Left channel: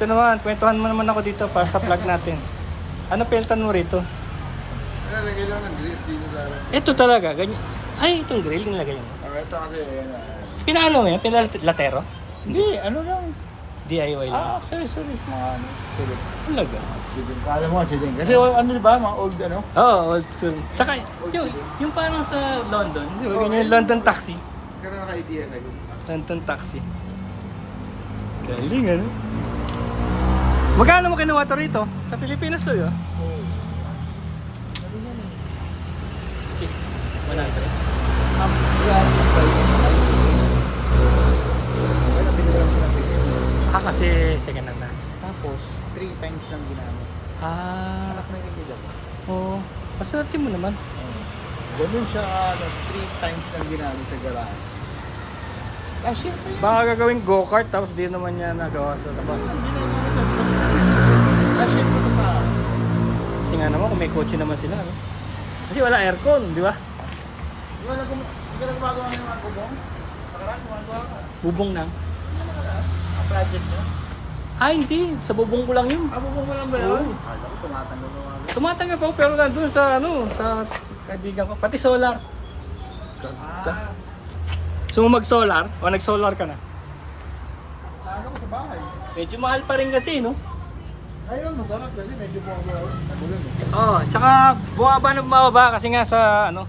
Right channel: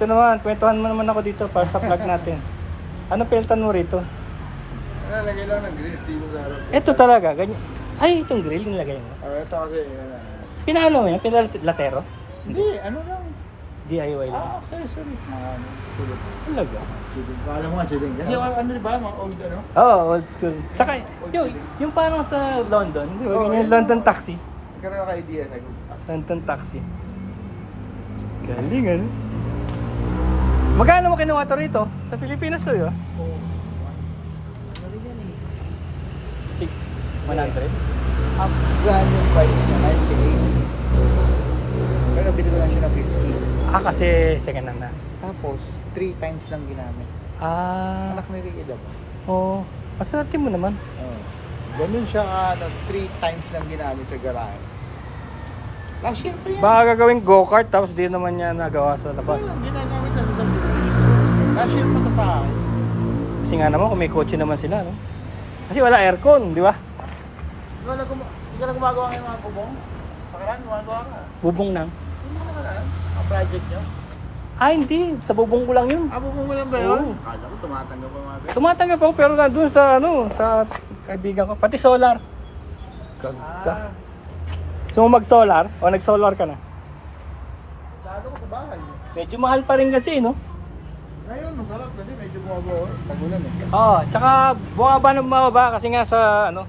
Ito naman, kwentuhan mo naman ako dito para sa vlog natin. Ano peltan mo rito? Nalagay lang ng grills dito sa alam. Ito talaga, ganyan. Ay, itong grill nilagay mo. Ito kasi, Pinaano mo yan? Pinalatero? hindi, ano lang. DIY lang. Accessories mga ano. Silip. Talaga? Silip. Paano mo silip? Kasi ano diba, mga old ano? Oo, old school. Tsaka, yung parang sa London, di ba? Ganyan, London taxi. Kasi naka-idea sa'yo. London taxi. Galing, ano? Magkano mo kinuha to rito? Sa Pilipinas to, yun? 100? Ano, binili lang siya ng 50. Ah, kasi second hand na. Tapos, 3 times lang ginamit. Ah, Anak ni Ricky lang. oo. Maswerte mo naman. Ganun siya, 3 times lang ginamit sa garage. Ang simple yan. Baka gagawing go-kart tapos di naman niya nagawa sa labas. Hindi na namin ito sa ang simple sa akin. Kasi nga naman kung may kotse naman sila, no? Kasi wala aircon, di ba? Di ba na gumagawa ng mga gubong? Parang gumagawa ko. Bubong lang. Ang project niya. Ah, hindi. Sa bubong ko lang yun. Bubong mo lang ba yun? Oo. Akala ko tumatanggap ang mga Tumatanggap ako pero nandun sa ano, sa kaibigan ko. Pati solar. Ganda. So mag-solar? O nag-solar ka na? Lalo ko sa bahay. Medyo mahal pa rin kasi, no? Ngayon, masarap kasi medyo bumaba. Pagulan eh. Oo, tsaka bumaba na bumaba kasi nga sa ano,